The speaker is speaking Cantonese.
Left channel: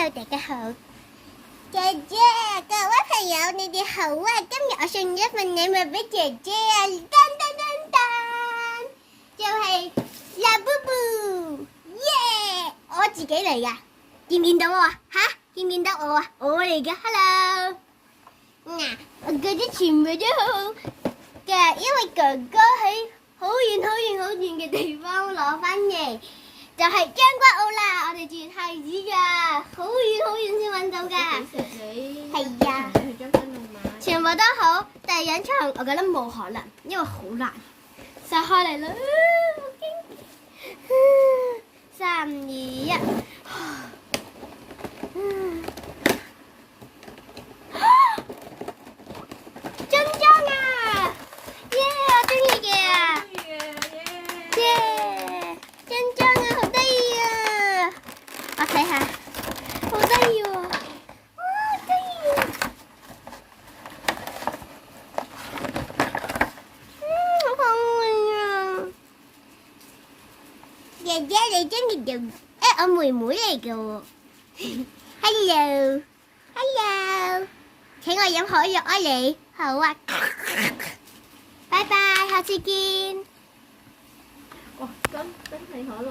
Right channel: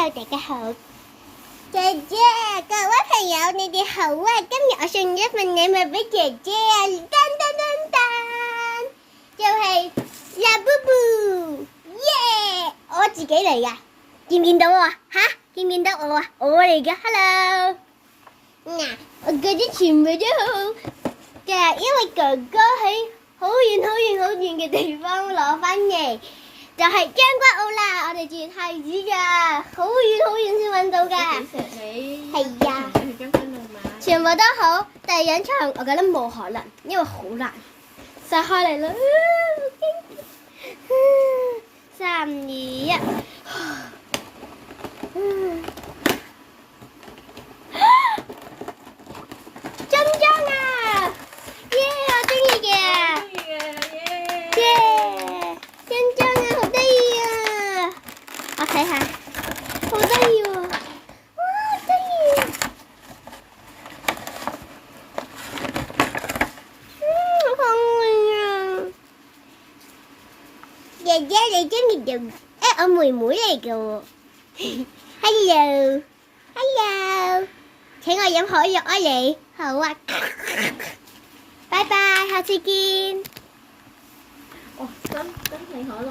大家好，姐姐，各位朋友，你哋好啊！今日我送咗份禮物俾姐姐啊，噔噔噔噔，就係拉布布，耶！我自己嚟噶，見唔見到我啊？吓，見唔見到我啊？我嚟噶 ，hello。嗱，我覺得全部都好好，就係因為哥哥喺好遠好遠好遠嘅地方攞翻嚟。就係將軍澳啦，我哋住太子㗎，好遠先揾到㗎。係啊，全部都好，但係養長我覺得冇可能，因為好難。撒開嚟啦，3、2、1，中獎啦！耶，我中意嘅。耶！中獎啊，好得意啊！我睇下，好得意喎！哇，好得意啊！好可愛啊！姐姐，你中意就我妹妹嚟嘅喎。Hello，請我飲可樂啊你。好啊，拜拜，下次見。哇，真係可樂。